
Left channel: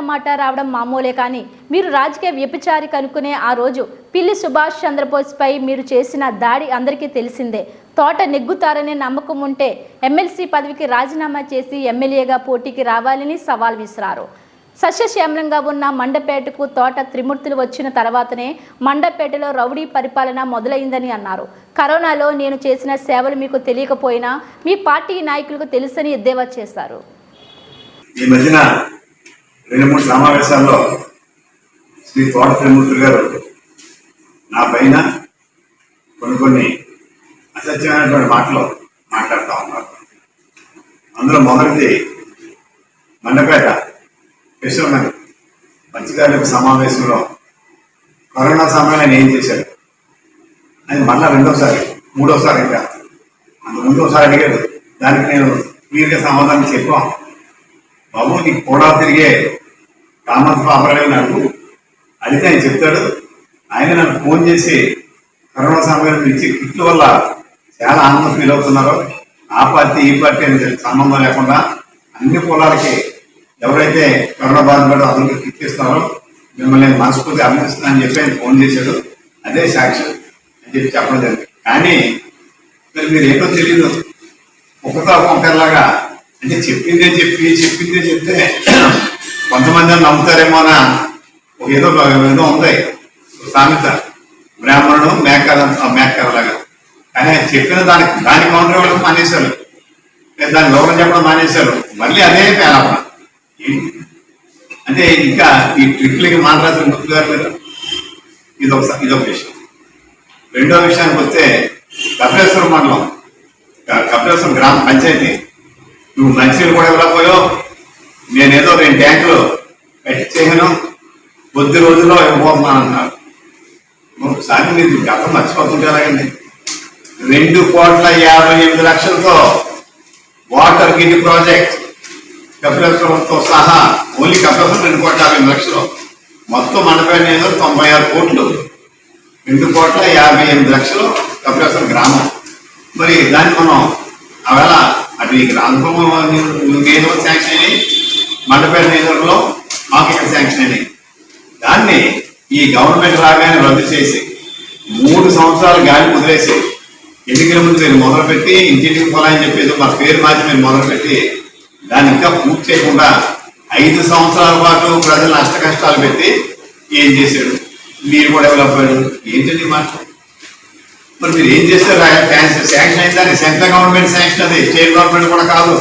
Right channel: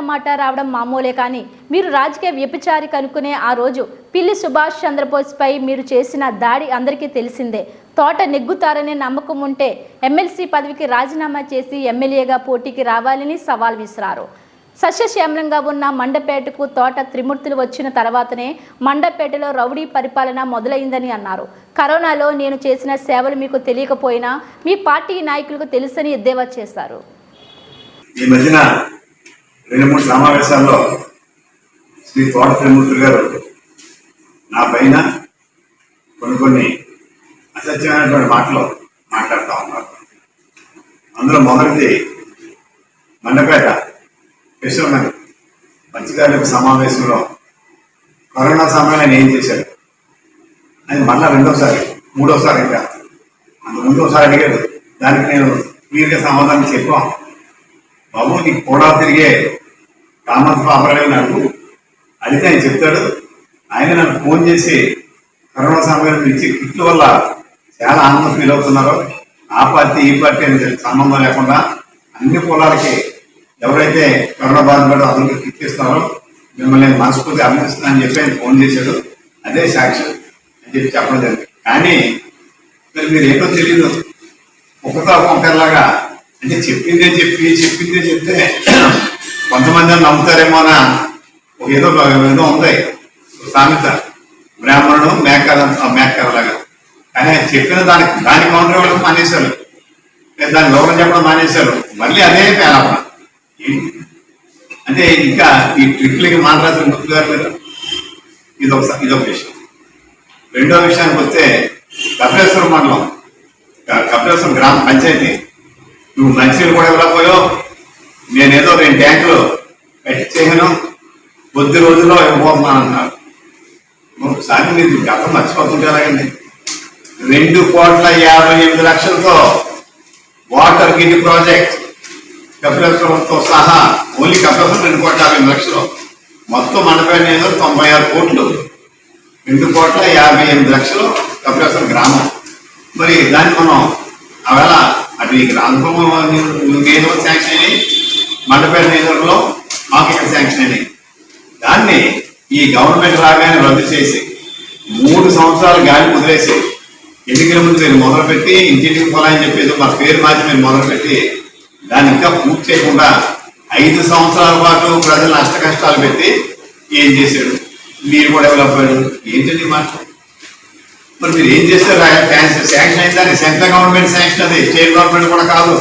రావడం మామూలే, కానీ మీరు రాజకీయ వ్యభిచారి కనుక్కునే ఆ రోజు పిల్లి సుభాష్ చంద్రబోస్పై మీరు చేసిన దాడి అందరికీ తెలిసిందే. తోట నెగ్గుతారనే నమ్మకం ఉంటే ఎమ్మెల్సీ పదవికి రాజీనామా చేసి ఎమ్మెల్యేగా పోటీకి రావాలని సవాల్ విసిరారు. సస్యశ్యామలంగా ఉన్న మండపేటకు తోట త్రిమూర్తులు వచ్చిన తర్వాతనే మండపేటలో రౌడీ పరిపాలన మొదలైందని అన్నారు. కరోనాలో నేను చేసిన సేవలు మీకు తెలియకపోయినా మీ పార్టీ నాయకులకు తెలుసని ఎద్దేవా చేశారు. ఈ మధ్యన 2-3 సమావేశాల్లో శ్రీ తోట త్రిమూర్తులు గారు నా పైన కొన్ని అసత్యమైనటువంటి మాటలు మాట్లాడుతూ ఉన్నారు. అందులో మొదటిది మండపేట విశ్వనాథ్ మంచిగారి సమావేశంలో కరోనా సమయంలో ఆయన ఏం చేశాడు అది మళ్ళా 2వ-3వసారి ఇంకా అంత 3వసారి అడిగాడు. దానికి నేను క్లియర్గా సమాధానం చెప్పాం. బాబు నీకు కూడా తిరిగే కామత్ పాపరావు నాకు అడిగితే ఆయన చెప్తాడు. ఆయన నాకు ఫోన్ చేసి కరోనా సమయంలో ఇచ్చే కిట్ల వల్ల చాలా ఆనందం ఫీల్ అవుతున్నారు. ఆ పార్టీ ఈ పార్టీ అని సంబంధం లేకుండా అన్ని కులాలకి ఎవరైతే కరోనా బాధపడో అందరికీ కిట్ ఇస్తున్నారో మిమ్మల్ని నేను మనస్ఫూర్తి అభినందిస్తున్నానని చెప్పి ఆయన ఫోన్ చేశాడు. అదే సాక్ష్యం అని చెప్పి చెప్పడం జరిగింది. కానీ మరి మీరు ఏంటో తెలియదు, ఒక్కతో ఒక్కరిలాగా అంటే చెప్పిందే చెప్తే కొంతమంది నమ్ముతారేమో అని ఏదో ఉంది సామెత, బ్రాహ్మణుడు మేకలాగా. కానీ చెప్పిన దాని కౌంటర్ ఇవ్వడం మానేశారు, దాని లోకం చెప్పడం మానేశారు. మళ్ళీ అదే పేలపన అంటే ఇంకా ఈ ట్రిక్లకి మాట్లాడుతున్న ముత్తు గారు మీద ఇదొక విషయం. రెండో విషయానికి వస్తే కపిలేశ్వరం మండలం, కపిలేశ్వరం గ్రామ పంచాయతీ నువ్వు మంచినీళ్ళు కూడా ఇవ్వలేకపోయావు, నేనేదో 2 ట్యాంకులు కట్టించేయను కొద్ది రోజుల్లో ఇవ్వబోతున్నాను అంటున్నారు. ఒకసారి మీరు గతం మర్చిపోతుంటే ఎలాగండి. 2,58,00,000తో వాటర్ గిడ్ ప్రాజెక్ట్ కపిలేశ్వరంతో సహా ఓన్లీ కపిలేశ్వరం 2,50,00,000 మొత్తం మండపేట ఏదో 96 కోట్లు, 2,58,00,000 కపిలేశ్వరం గ్రామం. మరి దాన్ని మనం ఆవేళ అటు ఈ గ్రామం నేదో శాంక్షన్ అయినాయి, మండపేట నేదర్లో మాకు ఇక్కడ శాంక్షన్ అయినాయి. దాన్ని ఈ గవర్నమెంట్ రాగానే రద్దు చేసి 3 సంవత్సరాలు గాలి వదిలేసి ఎన్నికల ముందు మీరు మొదలుపెట్టి ఇంటింటికి పొలాలని చెప్పేది మా పేరు మార్చి మీరు మొదలుపెట్టి దాన్ని ఇంకా పూర్తి చేయకుండా 5 సంవత్సరాల పాటు ప్రజలు నష్ట కష్టాలు పెట్టి ఏం చేశాడు? మీరు కూడా డెవలప్ అయ్యాడు. ఏంటండి మాట? మరి మీరు ఏం చేస్తారు? శాంక్షన్ అయిందని సెంట్రల్ గవర్నమెంట్ శాంక్షన్, అది స్టేట్ గవర్నమెంట్ కూడా కాదు.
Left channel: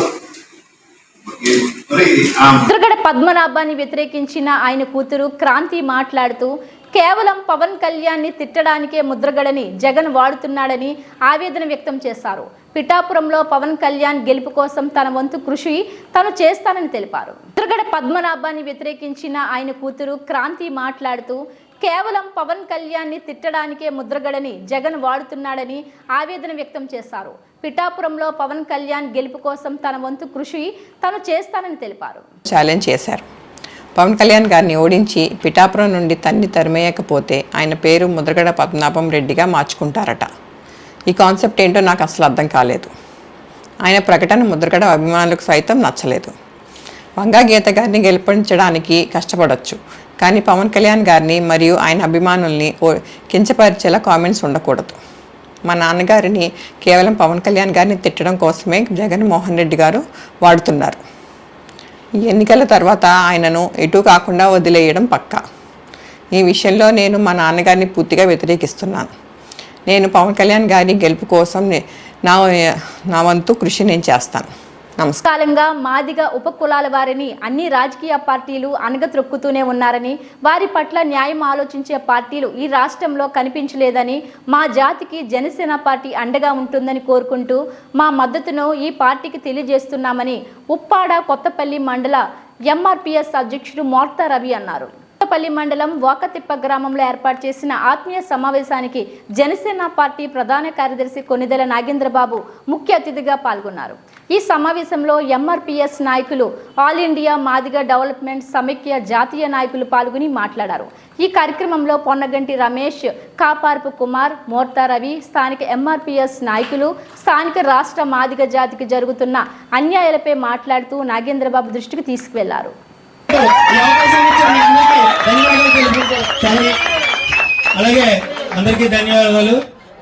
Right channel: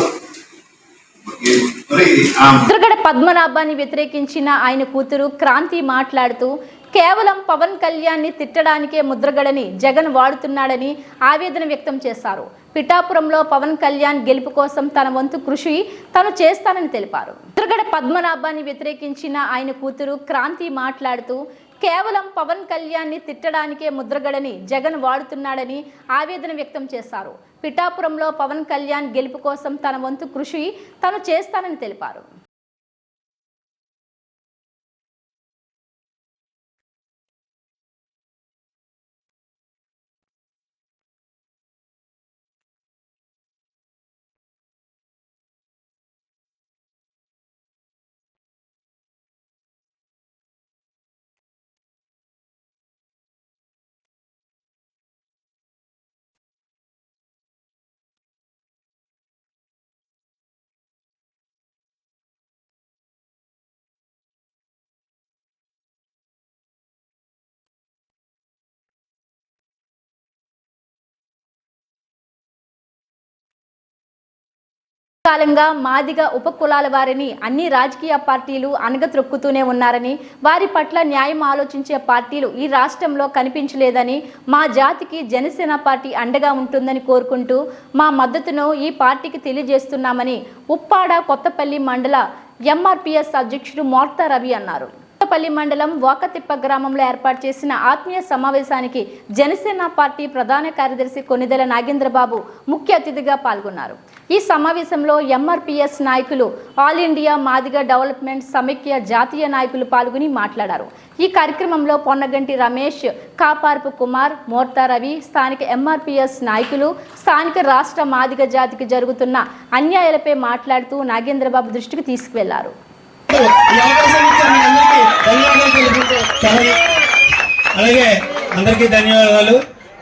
ముద్రగడ పద్మనాభాన్ని వ్యతిరేకించిన ఆయన కూతురు క్రాంతి మాట్లాడుతూ కేవలం పవన్ కళ్యాణ్ని తిట్టడానికే ముద్రగడని జగన్ వాడుతున్నాడని ఆవేదన వ్యక్తం చేశారు. పిఠాపురంలో పవన్ కళ్యాణ్ గెలుపు కోసం తన వంతు కృషి తను చేస్తానని తెలిపారు. ముద్రగడ పద్మనాభాన్ని వ్యతిరేకించిన ఆయన కూతురు క్రాంతి మాట్లాడుతూ కేవలం పవన్ కళ్యాణ్ని తిట్టడానికే ముద్రగడని జగన్ వాడుతున్నాడని ఆవేదన వ్యక్తం చేశారు. పిఠాపురంలో పవన్ కళ్యాణ్ గెలుపు కోసం తన వంతు కృషి తను చేస్తానని తెలిపారు. ఛాలెంజ్ చేశారు. పవన్ కళ్యాణ్ గారిని ఓడించి పిఠాపురం నుండి తరిమేయకపోతే ఆయన పేరు ముద్రగడ పద్మనాభం రెడ్డిగా మార్చుకుంటారట. ఈ కాన్సెప్ట్ ఏంటో నాకు అసలు అర్థం కాలేదు. ఆయన ప్రకటన ముద్రగడ అభిమానులకు సైతం నచ్చలేదు. వంగా గీత గారిని గెలిపించడానికి కష్టపడవచ్చు, కానీ పవన్ కళ్యాణ్ గారిని మరియు ఆయన అభిమానుల్ని కించపరిచేలా కామెంట్స్ ఉండకూడదు. మా నాన్నగారిని కేవలం పవన్ కళ్యాణ్ గారిని తిట్టడం కోసమే జగన్మోహన్ రెడ్డి గారు వాడుతున్నారు. ఈ ఎన్నికల తర్వాత ఆయనను ఎటు కాకుండా వదిలేయడం పక్కా. ఈ విషయంలో నేను మా నాన్నగారిని పూర్తిగా వ్యతిరేకిస్తున్నాను. నేను పవన్ కళ్యాణ్ గారి గెలుపు కోసం నా వంతు కృషి నేను చేస్తాను. కాలంగా మాదిగ ఉపకులాల వారిని అన్ని రాజకీయ పార్టీలు అణగత్రొక్కుతూనే ఉన్నారని, వారి పట్ల న్యాయం ఆలోచించే పార్టీలు ఈ రాష్ట్రంలో కనిపించలేదని, మా జాతికి జనసేన పార్టీ అండగా ఉంటుందని కోరుకుంటూ మా మద్దతును ఈ పార్టీకి తెలియజేస్తున్నామని ఉప్పాడ కొత్తపల్లి మండల ఎంఆర్పిఎస్ అధ్యక్షుడు మోర్తా రవి అన్నారు. కొత్తపల్లి మండలం వాకతిప్ప గ్రామంలో ఏర్పాటు చేసిన ఆత్మీయ సమావేశానికి జనసేన పార్టీ ప్రధాన కార్యదర్శి కొనిదెల నాగేంద్రబాబు ముఖ్య అతిథిగా పాల్గొన్నారు. ఈ సమావేశంలో ఎంఆర్పిఎస్ నాయకులు, ఆల్ ఇండియా మాదిగ డెవలప్మెంట్ సమైక్య జాతీయ నాయకులు పాల్గొని మాట్లాడారు. ఈ కార్యక్రమంలో పొన్నగంటి రమేష్, కాపార్పు కుమార్, మోర్తా రవి, స్థానిక ఎంఆర్పిఎస్ నాయకులు స్థానిక రాష్ట్ర మాదిగ జాతికి జరుగుతున్న అన్యాయాలపై మాట్లాడుతూ నాగేంద్రబాబు దృష్టికి తీసుకువెళ్లారు. అలాగే అందరికీ ధన్యవాదాలు.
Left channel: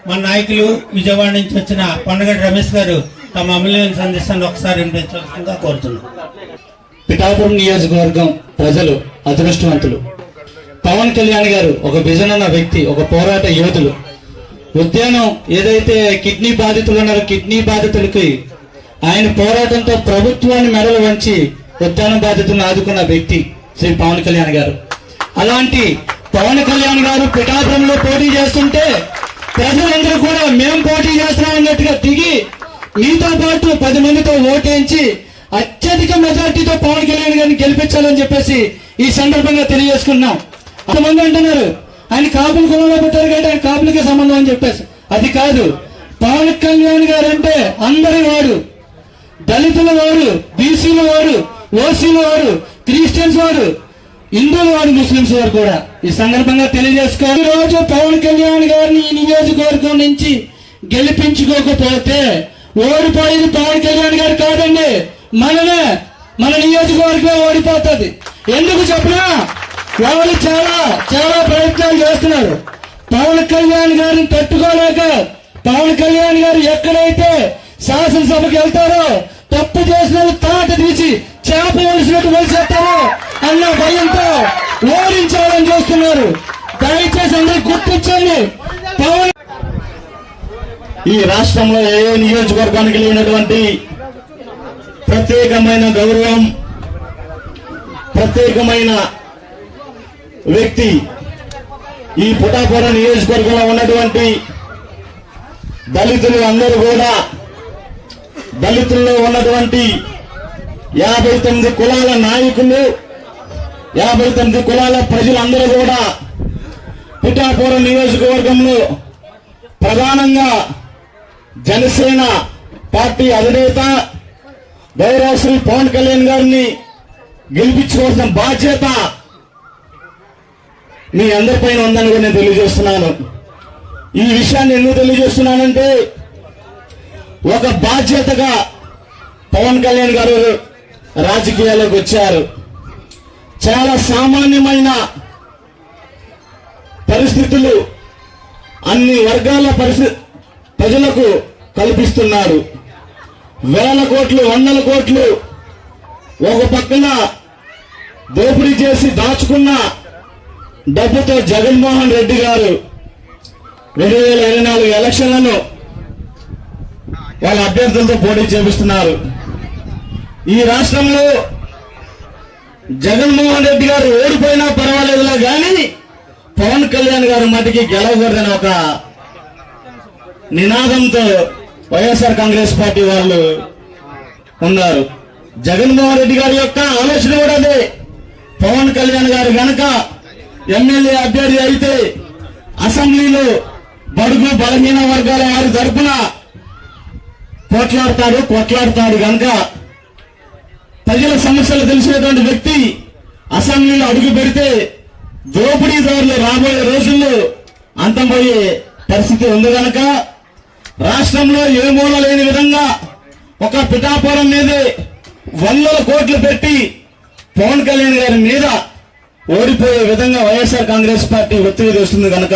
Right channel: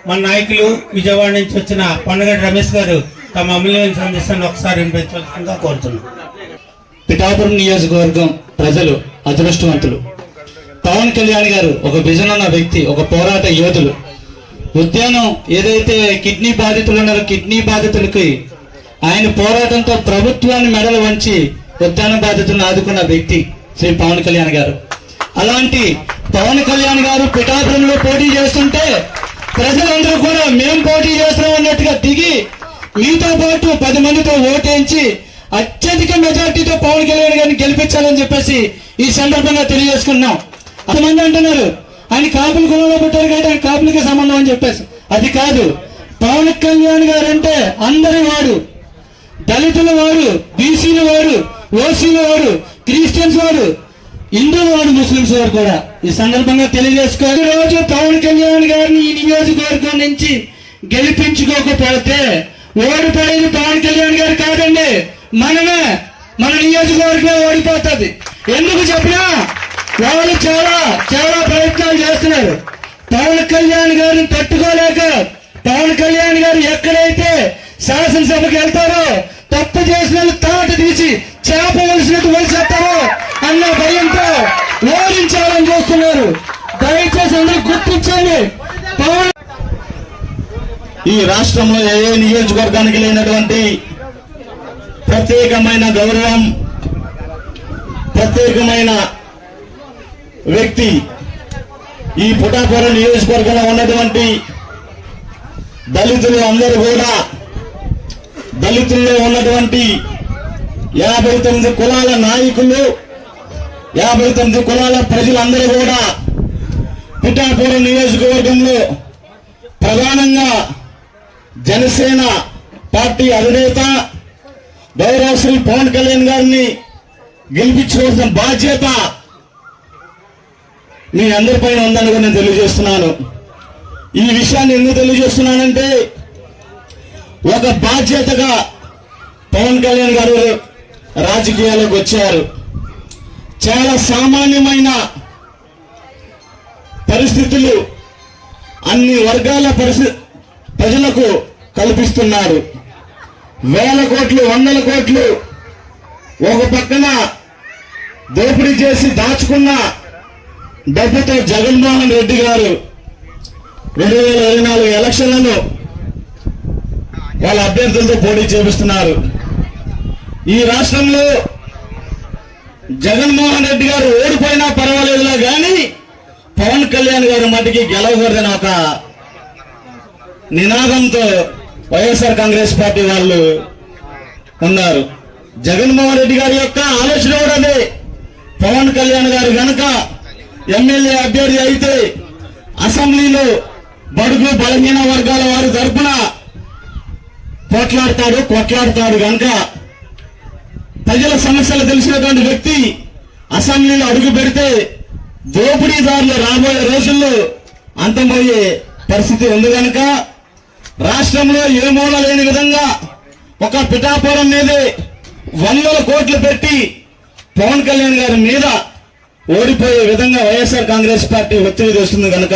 మన నాయకులు విజయవాడ నుంచి వచ్చిన పొన్నగంటి రమేష్ గారు తమ అమూల్యమైన సందేశాన్ని ఒకసారి వినిపించవలసిందిగా కోరుతున్నాం. పిఠాపురం నియోజకవర్గం ప్రజలు అదృష్టవంతులు. పవన్ కళ్యాణ్ గారు ఒక విజన్ అన్న వ్యక్తి, ఒక పోరాట యోధులు. ఉద్యానం ఏదైతే కిడ్నీ బాధితులు ఉన్నారో కిడ్నీ బాధితులకి ఆయన పోరాటంతో ప్రభుత్వాన్ని మెడలు వంచి ఉద్యాన బాధితులను ఆదుకున్న వ్యక్తి శ్రీ పవన్ కళ్యాణ్ గారు. అలాంటి పవన్ కళ్యాణ్ గారు పిఠాపురంలో పోటీ చేస్తుంటే ప్రజలందరూ కూడా మేము పోటీ చేస్తున్నాం అన్నట్టుగా దిగి మీతో పాటు 10 మందితో ఓటేయించి అత్యధిక మెజార్టీతో పవన్ కళ్యాణ్ గారిని గెలిపించాలని చెప్పేసి ఈ సందర్భంగా తెలియజేసుకున్నాం. అంతమంది అంటున్నారు ఆయన కాపులు కులంలో పెట్టారు కాబట్టి ఆయన కాపులకే సంబంధం అని చెప్పేసి. అది కాదు, పవన్ కళ్యాణ్ గారు అంటే అందరి వాడు, దళితుల వాడు, బీసీల వాడు, ఓసీల వాడు, క్రిస్టియన్స్ వాడు, హిందువుల వాడు, ముస్లింస్ వారు కూడా. ఈ సందర్భంగా తెలియజేసుకోవాలి. రోజు పవన్ కళ్యాణ్ గారిని ఈ నియోజకవర్గం నుంచి గెలిపించుకోకపోతే ఓడిపోయేది పవన్ కళ్యాణ్ గారు కాదండి, మనమే. మన నియోజకవర్గం ఓడిపోతుంది. ఎందుకు చెప్పినా వాళ్ళు చాలా చాలా ప్రయత్నాలు చేస్తున్నారు. పవన్ కళ్యాణ్ గారిని తట్టుకోలేక పవన్ కళ్యాణ్ గారు ఎక్కడైతే శాసనసభకు వెళ్తారో తప్పు చేసిన తాట తీసి చేప వలసినట్టు వలిసేస్తారో అన్న భయంతో ఓడించాలని చూస్తున్నారు. దయచేసి అందరూ గుర్తించండి. పవన్ ఈ రాష్ట్రంలో ఏ నియోజకవర్గానికి లేనటువంటి ప్రత్యేకమైన గౌరవం, ప్రత్యేకమైన వ్యక్తి ఈ పిఠాపురం నియోజకవర్గంలో ఉన్నటువంటి దళితులు అందరూ కూడా, దళితుల్లో ఉన్నటువంటి 59 కులాల నాయకులు, 59 కులాల ప్రజలందరూ కూడా పిఠాపురం నియోజకవర్గంలో ప్రధానంగా జనసేన పార్టీ అధినేత గౌరవ శ్రీ పవన్ కళ్యాణ్ గారిని గెలిపించుకోవాల్సిన బాధ్యత మీ అందరిపైన ఉందని కూడా నేను తెలియజేస్తున్నాను. ఈ విషయాన్ని ఎందుకు తెలియజేస్తున్నానంటే ఒక బాధ్యతగా పవన్ కళ్యాణ్ గారు రాజకీయాల్లోకి వచ్చారు. చాలా సామాన్యమైన పరిస్థితులు అన్ని వర్గాల ప్రజలకు కల్పిస్తున్నారు. వేల కోట్లు, వందల కోట్లు ఒక పక్కన దోపిడీ చేసి దాచుకున్న డబ్బుతో జగన్మోహన్ రెడ్డి గారు 2024 ఎలక్షన్లను వాళ్ళ అభ్యర్థులతో పోటీ చేపిస్తున్నారు. ఈ రాష్ట్రంలో జగన్మోహన్ రెడ్డి గారు ఓడిపోయినా పర్వాలేదులా గాని పవన్ కళ్యాణ్ గారు మటుకి గెలవకూడదని ఒక నినాదంతో వైఎస్ఆర్ కాంగ్రెస్ పార్టీ వాళ్ళు ఉన్నారు. జగన్మోహన్ రెడ్డి గారి యొక్క ఆలోచన కూడా అదే. పవన్ కళ్యాణ్ గారు గనక ఎమ్మెల్యే అభ్యర్థి అయితే అసెంబ్లీలో బడుగు బలహీన వర్గాల వారి తరఫున కొట్లాడతాడు కనుక ప్రజల సమస్యలు తెలిసినటువంటి వ్యక్తి అసెంబ్లీలో అడుగు పెడితే దోపిడీదారులు రాబోయే రోజుల్లో అంతమయ్యే పరిస్థితి ఉంది కనుక రాష్ట్రంలో ఏ మూల లేని విధంగా ఒక పిఠాపురం మీదే 100 కోట్లు పెట్టి పవన్ కళ్యాణ్ గారి మీద ఓడిపోయే విధంగా వైఎస్ఆర్ కాంగ్రెస్ పార్టీ ఒత్తిడి చేస్తుంది కనుక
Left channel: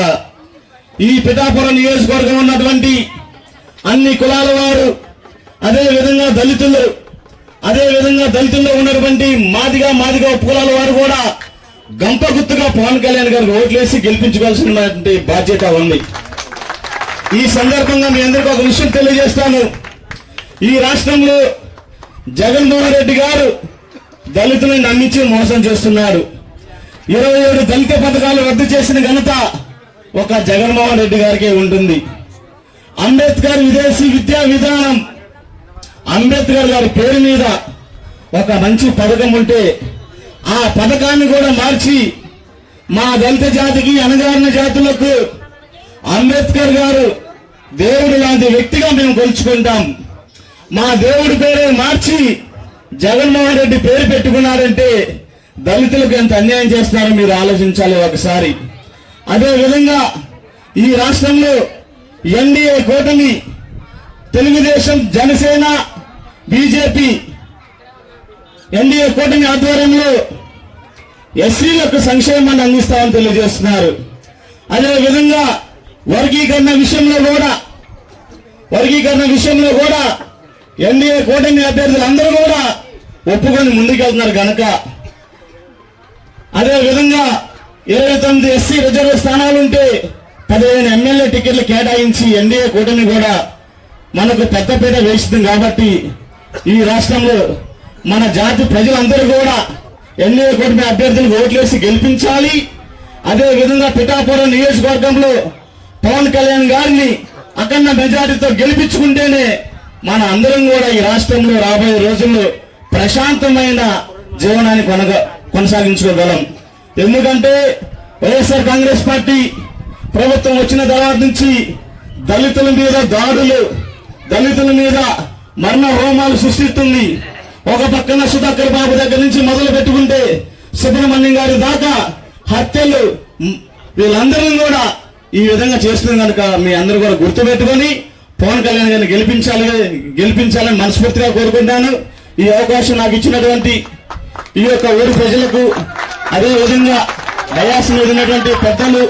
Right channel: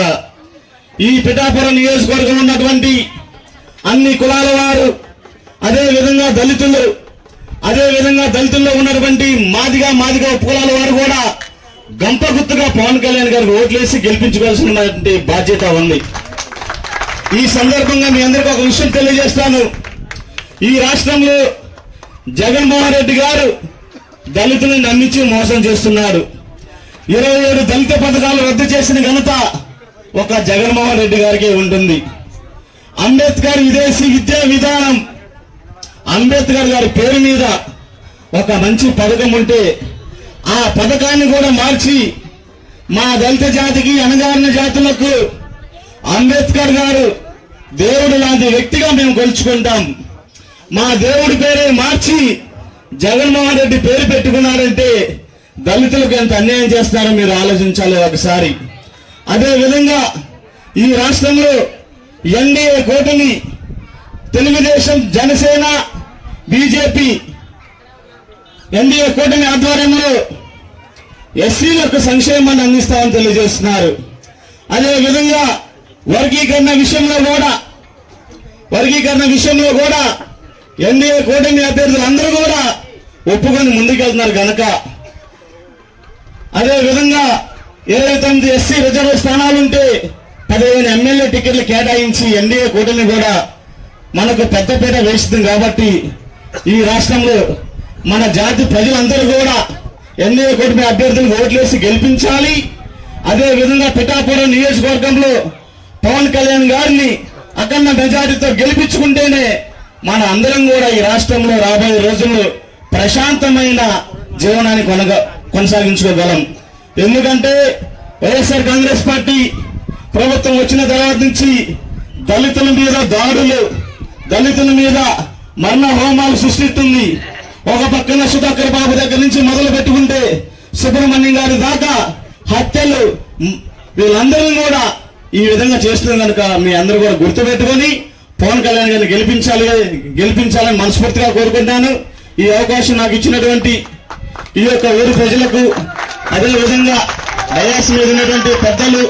ఈ పిఠాపురం నియోజకవర్గం ఉన్నటువంటి అన్ని కులాల వారు, అదే విధంగా దళితుల్లో ఉన్నటువంటి మాదిగా ఉపకులాల వారు కూడా గంప గుర్తుగా పవన్ కళ్యాణ్ గారికి ఓట్లేసి గెలిపించుకోవాల్సినటువంటి బాధ్యత ఉంది. ఈ సందర్భంగా మీ అందరికీ ఒక విషయం తెలియజేస్తాను. ఈ రాష్ట్రంలో జగన్మోహన్ రెడ్డి గారు దళితులను నమ్మించి మోసం చేస్తున్నాడు. 27 దళిత పథకాలు రద్దు చేసిన ఘనత ఒక జగన్మోహన్ రెడ్డి గారికే ఉంటుంది. అంబేద్కర్ విదేశీ విద్యా విధానం, అంబేద్కర్ గారి పేరు మీద ఒక మంచి పథకం ఉంటే ఆ పథకాన్ని కూడా మార్చి మా దళిత జాతికి, అణగారిన జాతులకు అంబేద్కర్ గారు దేవుడు లాంటి వ్యక్తిగా మేము కొలుచుకుంటాం. మా దేవుడి పేరే మార్చి జగన్మోహన్ రెడ్డి పేరు పెట్టుకున్నారంటే దళితులకు ఎంత అన్యాయం చేస్తారో మీరు ఆలోచించాలి ఒకసారి. అదే విధంగా ఈ రాష్ట్రంలో ఎన్డీఏ కూటమి తెలుగుదేశం, జనసేన, బీజేపీ ఎన్డీఏ కూటమి ఆధ్వర్యంలో ఎస్సీలకు సంక్షేమాన్ని అందిస్తామని తెలియజేస్తున్నారు. అదే విధంగా వర్గీకరణ విషయంలో కూడా ఎన్డీఏ కూటమి అభ్యర్థులు అందరూ కూడా ఒప్పుకొని ముందుకెళ్తున్నారు కనుక, అదే విధంగా 29 ఎస్సీ రిజర్వ్ స్థానాలుంటే 15 ఎమ్మెల్యే టికెట్లు కేటాయించి ఎన్డీఏ కూటమి కూడా మనకు పెద్దపీట వేస్తుంది. కాబట్టి ఈ రాష్ట్రంలో మన జాతి ప్రజలందరూ కూడా ఎన్డీఏ కూటమి అభ్యర్థులకు ఓట్లేసి గెలిపించాలి. అదే విధంగా పిఠాపురం నియోజకవర్గంలో పవన్ కళ్యాణ్ గారిని అఖండ మెజారిటీతో గెలిపించుకుంటేనే మన అందరం కూడా ఈ రాష్ట్రంలో రాబోయే రోజుల్లో ప్రశాంతమైన జీవనాన్ని కొనసాగించుకోగలం. ఎందుకంటే వైఎస్ఆర్ కాంగ్రెస్ పార్టీ ప్రభుత్వం వచ్చిన తర్వాత నుంచి దళితుల మీద దాడులు, దళితుల మీద మరణ హోమాలు సృష్టిస్తుంది. ఒక పక్కన సుధాకర్ బాబు దగ్గర నుంచి మొదలు పెట్టుకుంటే సుబ్రహ్మణ్యం గారి దాకా హత్యలు, వీళ్ళందరినీ కూడా ఈ విధంగా చేస్తుంది కనుక మీ అందరూ కూడా గుర్తుపెట్టుకొని పవన్ కళ్యాణ్ గారిని గెలిపించాలని మనస్ఫూర్తిగా కోరుకుంటాను. ఈ అవకాశం నాకు ఇచ్చినటువంటి ఈ యొక్క ఊరి ప్రజలకు, అదే విధంగా డయాస్ మీద ఉన్నటువంటి పెద్దలు.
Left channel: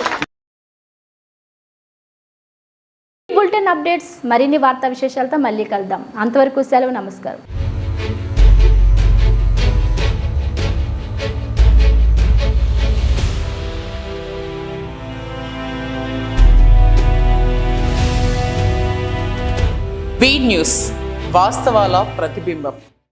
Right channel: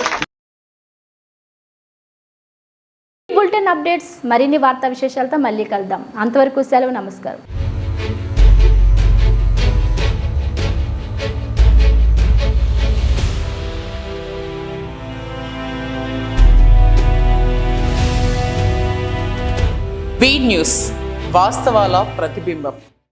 బులెటిన్ అప్డేట్స్, మరిన్ని వార్తా విశేషాలతో మళ్ళీ కలుద్దాం. అంతవరకు సెలవు, నమస్కారం. బీ న్యూస్, వాస్తవాల ప్రతిబింబం.